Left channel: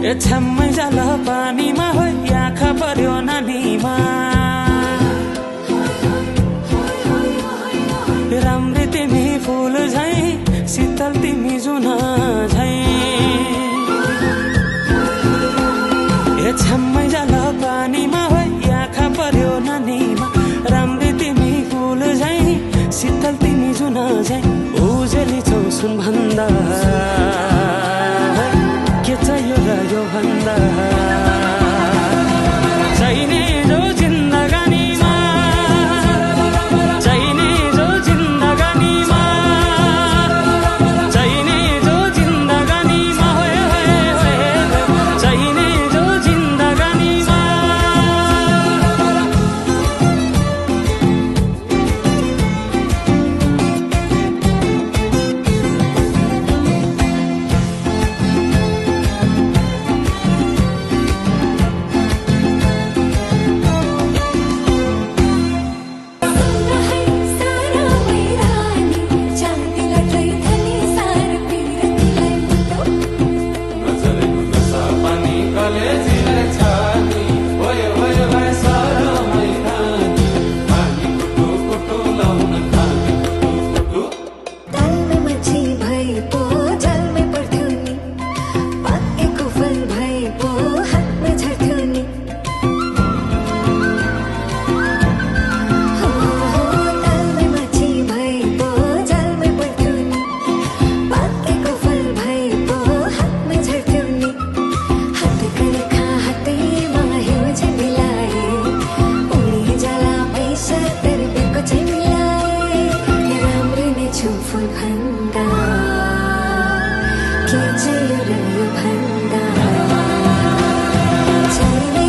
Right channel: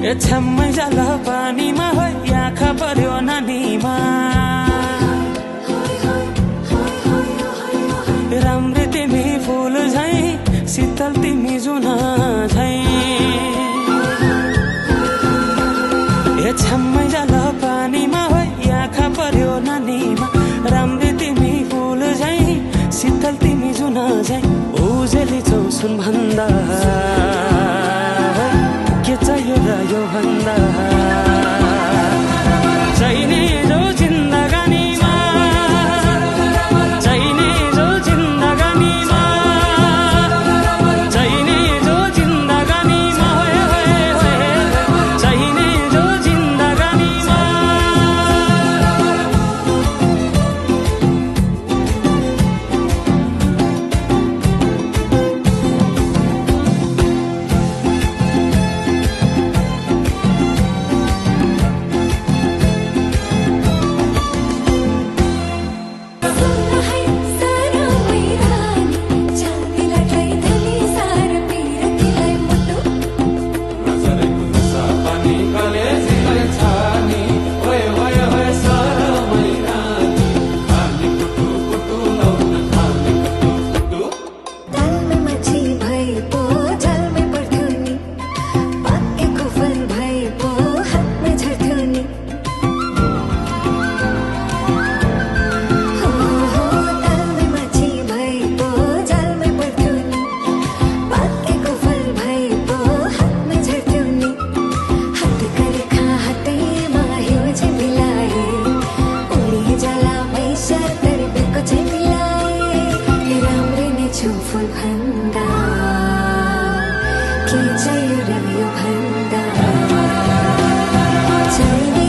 ए छ्याम्मै जाल पानीमा हो आँखा पर्यो नानीमा राम्री तिमी फूल झै शीतल तिमी जुन झै ए छ्याम्मै जाल पानीमा हो आँखा पर्यो नानीमा राम्री तिमी फूल झै शीतल तिमी जुन झै उजेली छौ सुन भन्दा के चाहियो र यो भन्दा चाहिने जो जिन्दगानीमा चाहिने जो जिन्दगानीमा चाहिने जो जिन्दगानीमा होए होए होए चाहिने जो जिन्दगानीमा फूल भन्दा के चाहियो र यो भन्दा चाहिने